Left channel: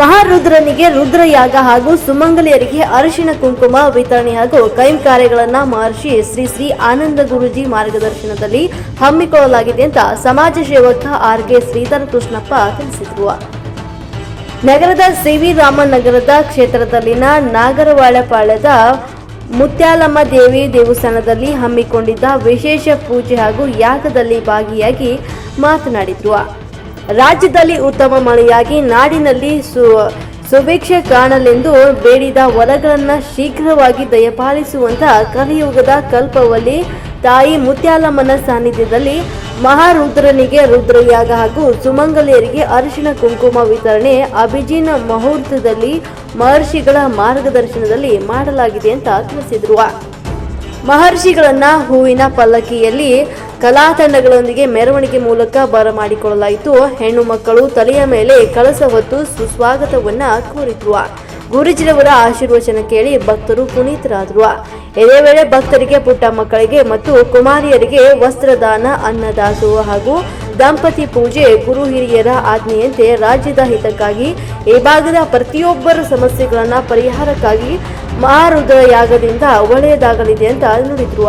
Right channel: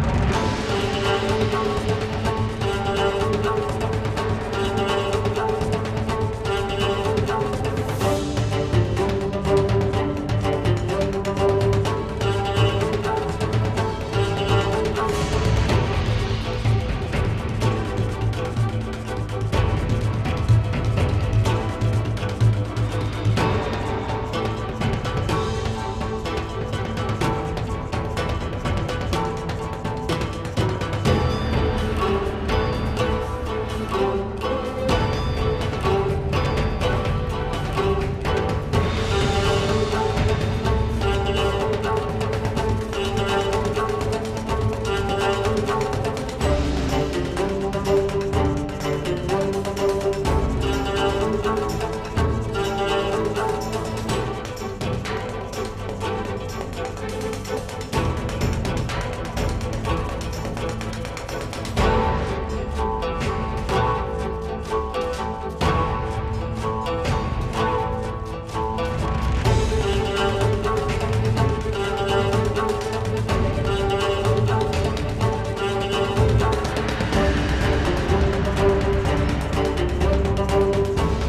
ಮಹಾರುದ್ರನಿಗೆ ರುದ್ರಯಾಗ ಹಾಗೂ ಸುಮಂಗಲಿಯರಿಗೆ ಅರಿಶಿಣ ಕುಂಕುಮ ವಿತರಣೆ ಹಾಗೂ ಕೈಂಕಾರ್ಯಗಳನ್ನು ಮಹರ್ಷಿ ಶ್ರೀ ಶ್ರೀ ಆನಂದ ಗುರೂಜಿ ಮಾರ್ಗದರ್ಶನದಲ್ಲಿ ಹಮ್ಮಿಕೊಳ್ಳಲಾಗಿದೆ ಅಂತ ಸಮಾಜ ಸೇವಕ ಆರ್.ಕೆ. ಶ್ರೀಧರ ಕೃಷ್ಣಪ್ಪ ತಿಳಿಸಿದರು. ನಗರದ ಸಿ.ವಿ. ರಾಮನ್ ನಗರದ ಕ್ಷೇತ್ರದಲ್ಲಿನ ನಾಗರವಾಳಪಾಳ್ಯದ ಮುತ್ಯಾಲಮ್ಮ ದೇವಿ ದೇವಸ್ಥಾನದಲ್ಲಿ ಹಮ್ಮಿಕೊಂಡಿದ್ದ ವಿಶೇಷ ಪೂಜೆ ಹಾಗೂ ಯಾಗದಲ್ಲಿ ಭಾಗಿಯಾಗಿ ಮಾತನಾಡಿದರು. ರಾಜ್ಯದಲ್ಲಿ ಉತ್ತಮ ಮಳೆಯಾಗಿ ನಾಡಿನಲ್ಲಿ ಸುಭಿಕ್ಷೆ ಕಾಣಲೆಂದು ಬೇಡಿದ ವರಗಳನ್ನು ಶೀಘ್ರವಾಗಿ ದಯಪಾಲಿಸುವಂತಹ ಕಲಿಯುಗದ ಕಲ್ಪವಲ್ಲಿ ತಾಯಿ ಮುತ್ಯಾಲಮ್ಮನ ಸಾನ್ನಿಧ್ಯದಲ್ಲಿ ಮಹಾರುದ್ರನಿಗೆ ರುದ್ರಯಾಗ ಹಾಗೂ ಸುಮಂಗಲಿಯರಿಗೆ ಅರಿಶಿಣ ಕುಂಕುಮ ವಿತರಣೆ ಅಭಿಜಿನ ಮುಹೂರ್ತದಲ್ಲಿ ಮಹರ್ಷಿಗಳ ಮಾರ್ಗದರ್ಶನದಲ್ಲಿ ಮಾಡಲಾಗಿದೆ ಅಂತ ತಿಳಿಸಿದರು. ಮಹರ್ಷಿಗಳನ್ನ ಹೂವಿನ ಪಲ್ಲಕ್ಕಿಯಲ್ಲಿ ಕಲಾ ತಂಡಗಳೊಂದಿಗೆ ಮೆರವಣಿಗೆ ಮೂಲಕ ಬರಮಾಡಿಕೊಳ್ಳಲಾಯಿತು. ಹೆಣ್ಣು ಮಕ್ಕಳು ತಲೆಯ ಮೇಲೆ ಕಳಸ ಹೊತ್ತು ಸುಸ್ವಾಗತವನ್ನ ಕೋರಿದ್ರು. ಗುರುಜಿರವರ ಆಶೀರ್ವಚನ ಕೇಳಿ ಭಕ್ತರು ಪುನೀತರಾದರು. ಇದೇ ವೇಳೆ ಭಕ್ತರಿಗೆ, ಪುಟ್ಟ ಮಕ್ಕಳಿಗೆ ಮತ್ತು ಕುಮಾರಿಯರಿಗೆ ವಸ್ತ್ರದಾನ, ಅನ್ನದಾಸೋಹ ಹಾಗೂ ದಂಪತಿ ಪೂಜೆ, ಗುರು ಹಿರಿಯರ ಆಜ್ಞೆಯಂತೆ ರಾಜ್ಯದ ಹಿತಕ್ಕಾಗಿ ಈ ಭಾಗದ ಪ್ರತಿಯೊಬ್ಬರ ಸಮಸ್ಯೆಗಳನ್ನ ಪರಿಹಾರಕ್ಕಾಗಿ ಮಹಾರುದ್ರ ಯಾಗದಿಂದ ಒಳ್ಳೆಯದಾಗಲಿದೆ ಅಂತ ನುಡಿದ್ರು.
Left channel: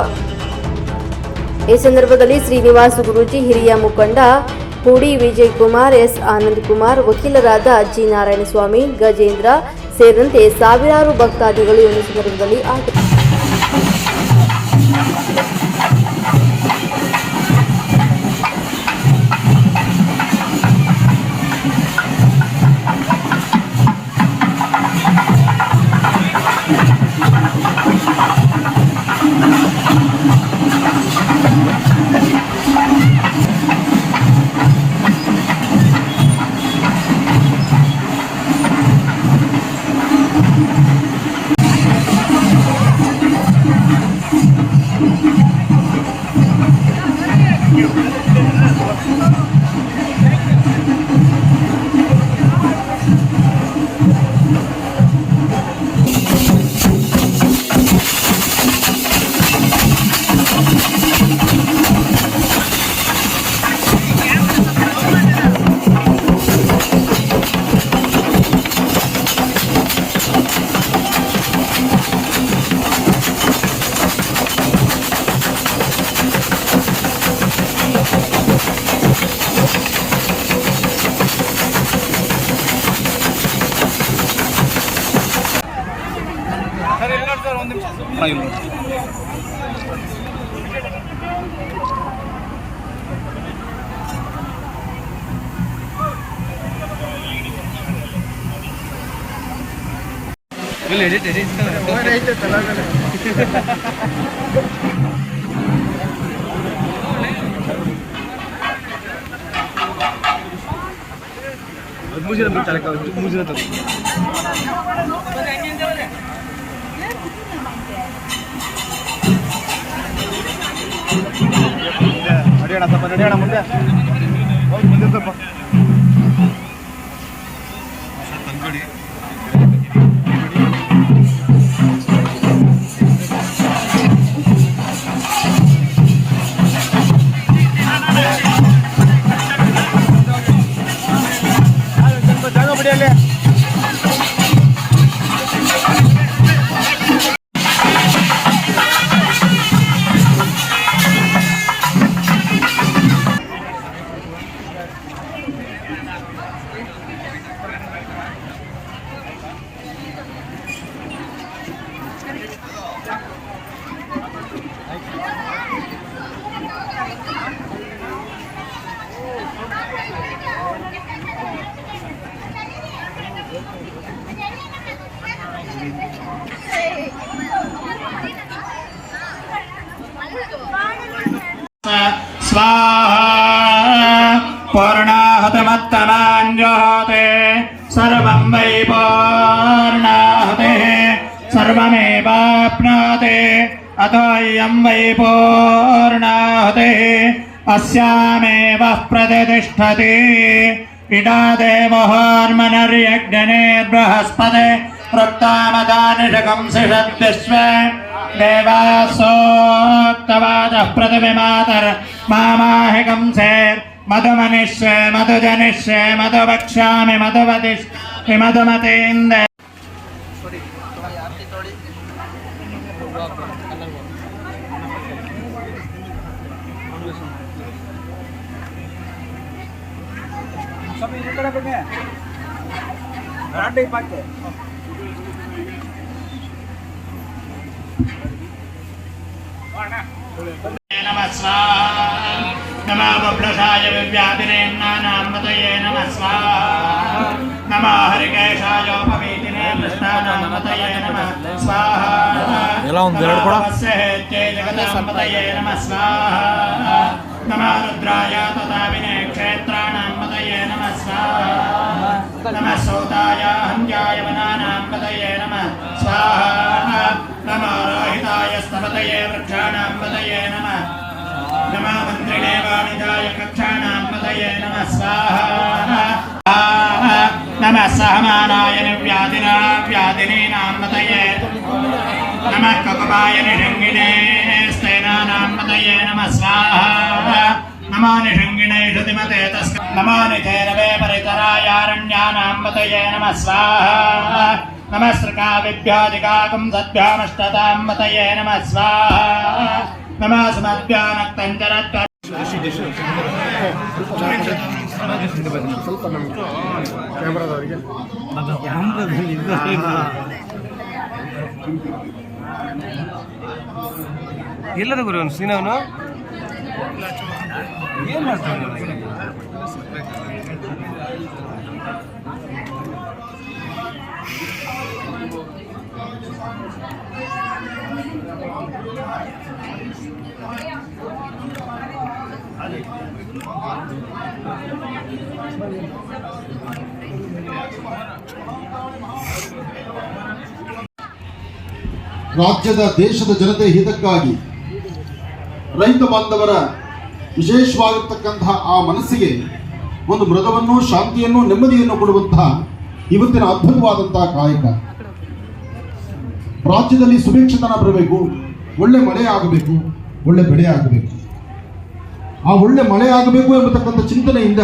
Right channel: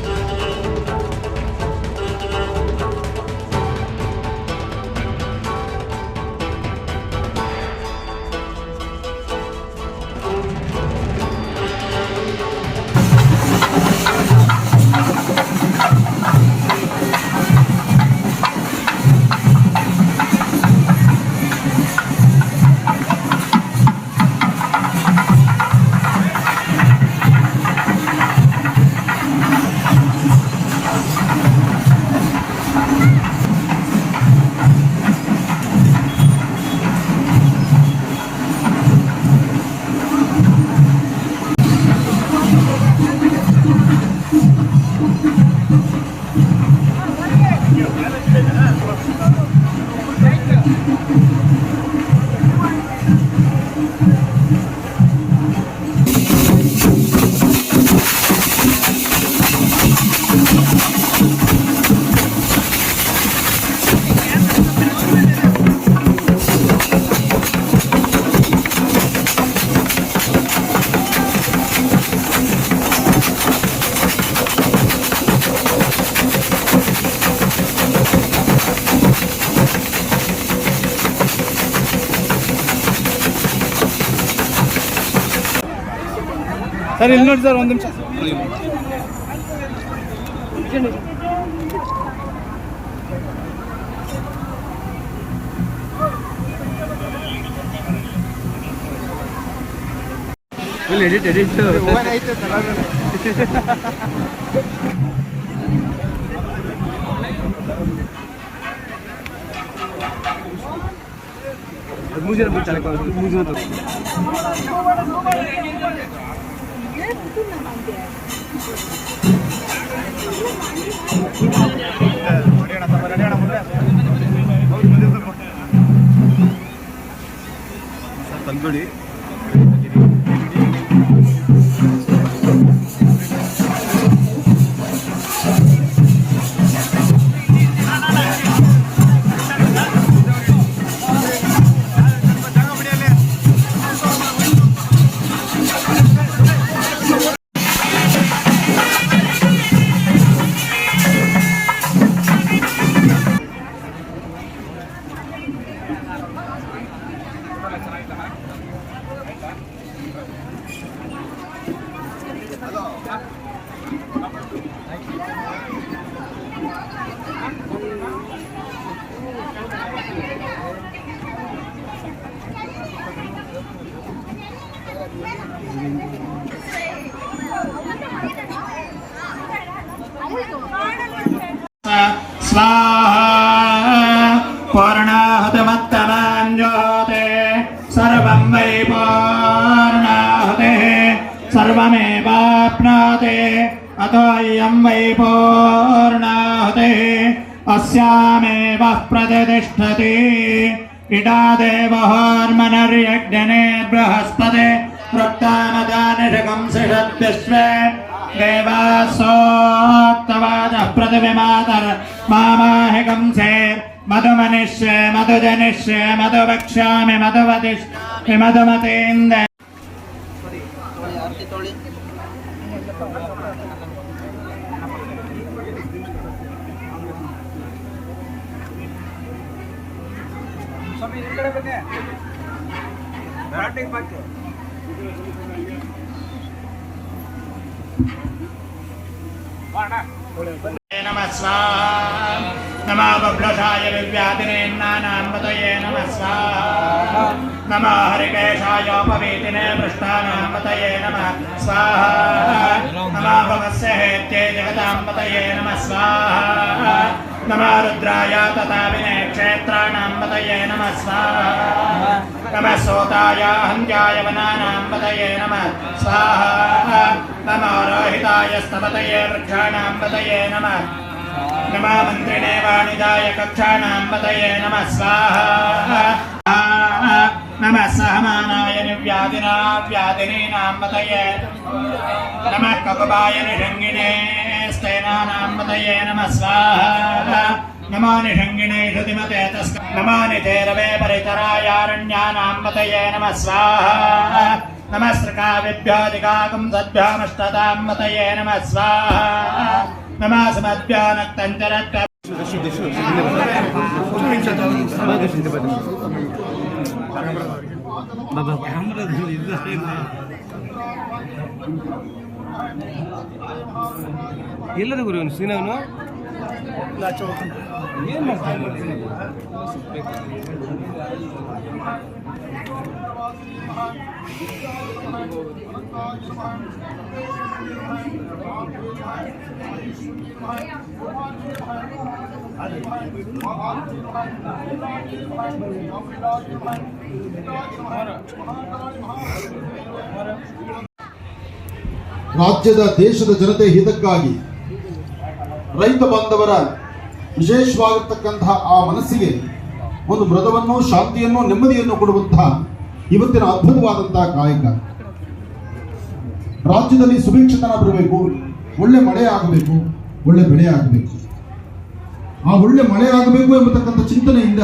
ಈ ಸಂದರ್ಭದಲ್ಲಿ ಶ್ರೀನಿವಾಸ ಗುರೂಜಿ, ಹಿರಿಯ ಮುಖಂಡ ಹೂಡಿ ವಿಜಯ್ ಕುಮಾರ್, ಎಸ್ ಆನಂದ್ ಕುಮಾರ್, ವಕೀಲರಾದ ಜಿ ನಾರಾಯಣಸ್ವಾಮಿ, ಗಜೇಂದ್ರ ಸೇರಿದಂತೆ ಸಾವಿರಾರು ಭಕ್ತಾದಿಗಳು ಈ ಸಂದರ್ಭದಲ್ಲಿ ಸರ್ ಇಲ್ಲಿ ನೋಡಿ ಸರ್, ಒಂದು ನಿಮಿಷ ಎಡಿಟ್ ಆಯ್ತು ಮುಗಿದ ಮುಗಿದ ತಂಗುಡಿ पूर्णाहुतिमत्तमाञ्जोते सर्वं वै पूर्णाहुतिः सर्वमेवाप्नोति अतोऽयं वै पूर्णाहुतिः अस्यामेव प्रतिष्ठति इडा देवोर्मनुर्यज्ञनेर्बृहस्पते वृत्तामदानिषकं सिषद्विश्वे देवासोक्तवादः प्रतिविमातर मामाहिकं सेर् मधुमनिष्ये मधुजनिष्ये मधुवक्ष्यामि मधुवतिष् ಹಿಮದಮತೇಂದ नमः स्वाहा नमः बभ्रषाय विव्याधिनेन्नानाम्बतये नमः स्वाहा नमः हरिकेशायोपवीतिने पृष्ठानाम्बतये नमः स्वाहा नमः भवस्य हेत्ये जगताम्बतये नमः स्वाहा नमः रुद्राय तथाविने क्षेत्राणाम्बतये नमः स्वाहा नमः सोताय हन्याय वनानाम्बतये नमः स्वाहा नमः रोहिताय स्तपतये वृक्षाणाम्बतये नमः नमः मन्त्रिणे वाणिदाय कक्षाणाम्बतये नमः स्वाहा नमः सहमानाय निर्व्याधिना व्याधिनीनाम्बतये नमः ककुबाय निषङ्गिणे स्तेनानाम्बतये नमः स्वाहा नमो निषङ्गिणे श्रुतिमते तस्क नमो निधेरवे परितरायारण्यानाम्बतये नमः स्वाहा नमः सृकाविभ्यादिकाकं सद्भ्यामष्टताम्बतये नमः स्वाहा नमः सुमद्भ्यानक्तञ्चरत्व ಎಲ್ಲದ ಗುರು ಅವನು ಸೀನವನು ಏನು ಮಾಡ್ತಾನೆ ರಾಜ್ಯದ ದೇಶದ ಜನತೆ ಹಿತಕ್ಕಾಗಿ ರೈತ ಬಾಂಧವರ ವಿಶೇಷವಾಗಿರ್ತಕ್ಕಂತಹ ಆ ಮನಸ್ಸಿಗೆ ಒಂದು ಮೃದುವನ್ನು ಶಾಂತಿಯನ್ನು ನೆಮ್ಮದಿಯನ್ನು ಕೊಡುವಂತಹ ಇವತ್ತಿನ ಅದ್ಭುತವಾದಂತಹ ಕಾಯಕ. ರಾಜ್ಯದಲ್ಲಿ ಸುಭಿಕ್ಷತನ ಬರಬೇಕು, ಒಳ್ಳೆ ಮಳೆ ಆಗಬೇಕು, ಒಳ್ಳೆ ಬೆಳೆ ಆಗಬೇಕು. ಆ ಒಳ್ಳೆ ಮಳೆ ಆಗಬೇಕು ಎಂಬತಕ್ಕಂಥ ಚಿಂತನೆಯಿಂದ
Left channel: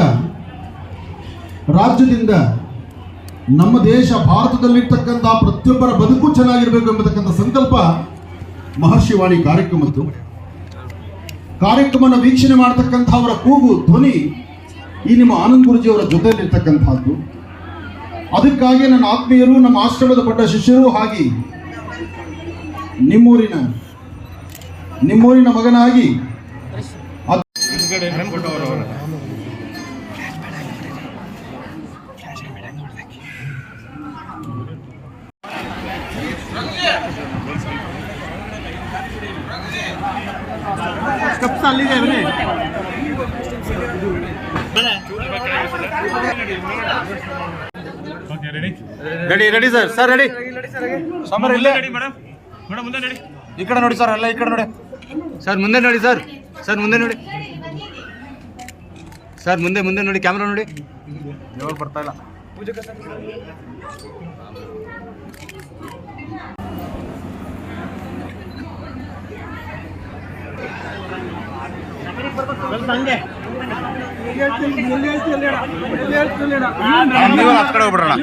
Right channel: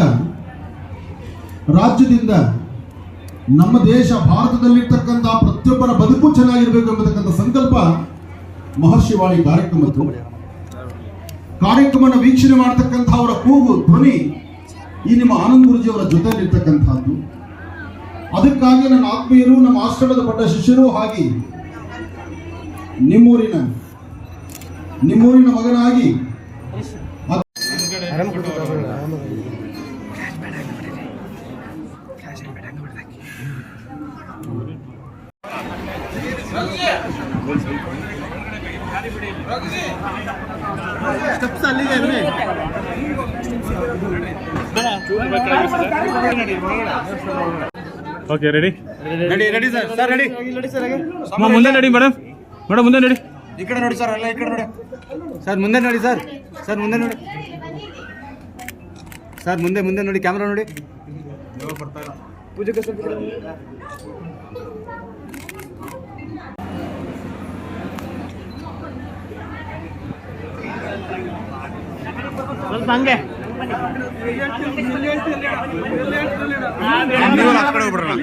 ರಾಜ್ಯದಿಂದ ನಮ್ಮ ದೇಶ ಭಾರತದಲ್ಲಿರ್ತಕ್ಕಂಥ ಪ್ರತಿಯೊಬ್ಬರ ಬದುಕು ಚೆನ್ನಾಗಿರಬೇಕು ಎಂಬತಕ್ಕಂಥ ಸಂಕಲ್ಪ ಮಹರ್ಷಿವಾಣಿ ಕಾರ್ಯಕ್ರಮದ್ದು. ಕಾರ್ಯಕ್ರಮನ ವೀಕ್ಷಣೆ ಮಾಡತಕ್ಕಂಥ ಅವರ ಕೂಗು ಧ್ವನಿ ಈ ನಿಮ್ಮ ಆನಂದ್ ಗುರುಜಿಯವರ ಜೊತೆಯಲ್ಲಿರ್ತಕ್ಕಂಥದ್ದು. ಅದಕ್ಕಾಗಿ ನನ್ನ ಆತ್ಮೀಯರು, ನಮ್ಮ ಆಶ್ರಮದ ಪಟ್ಟ ಶಿಷ್ಯರು, ಹಾಗೆ ನಿಮ್ಮೂರಿನ ಮಗನಾಗಿ ಓಕೆ ರೆಡಿ ಸರ್ ರೆಡಿ ಮುಂದೆ ನಡಿ ಮೇಡಮ್ ಮುಂದೆ ನೋಡಿ. ಈ ಕಡೆ ನೋಡಿ ಸರ್, ಎಲ್ಲ ಈ ಕಡೆ ನೋಡಿ ಸರ್, ಮುಂದೆ ನೋಡಿ ಸರ್, ಮುಂದೆ ನೋಡಿ ಸರ್, ಮುಂದೆ ನೋಡಿ, ಕ್ಯಾಮ್ರಾ ನೋಡಿ. ಯಾವಾಗ ಬರ್ತಾ ಇಲ್ಲ ಪೂಜೆ ಸ್ವಲ್ಪ ಹಂಗೆ ಆ ಕಡೆ ಹೋಗ್ಬಿಡೋಣ.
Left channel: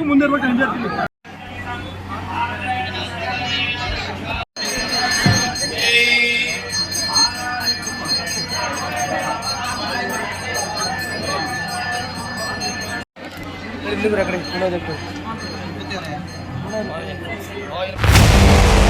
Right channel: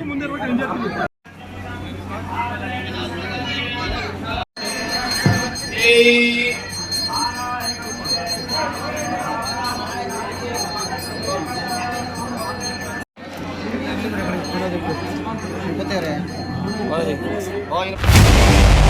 ಇಲ್ಲಿ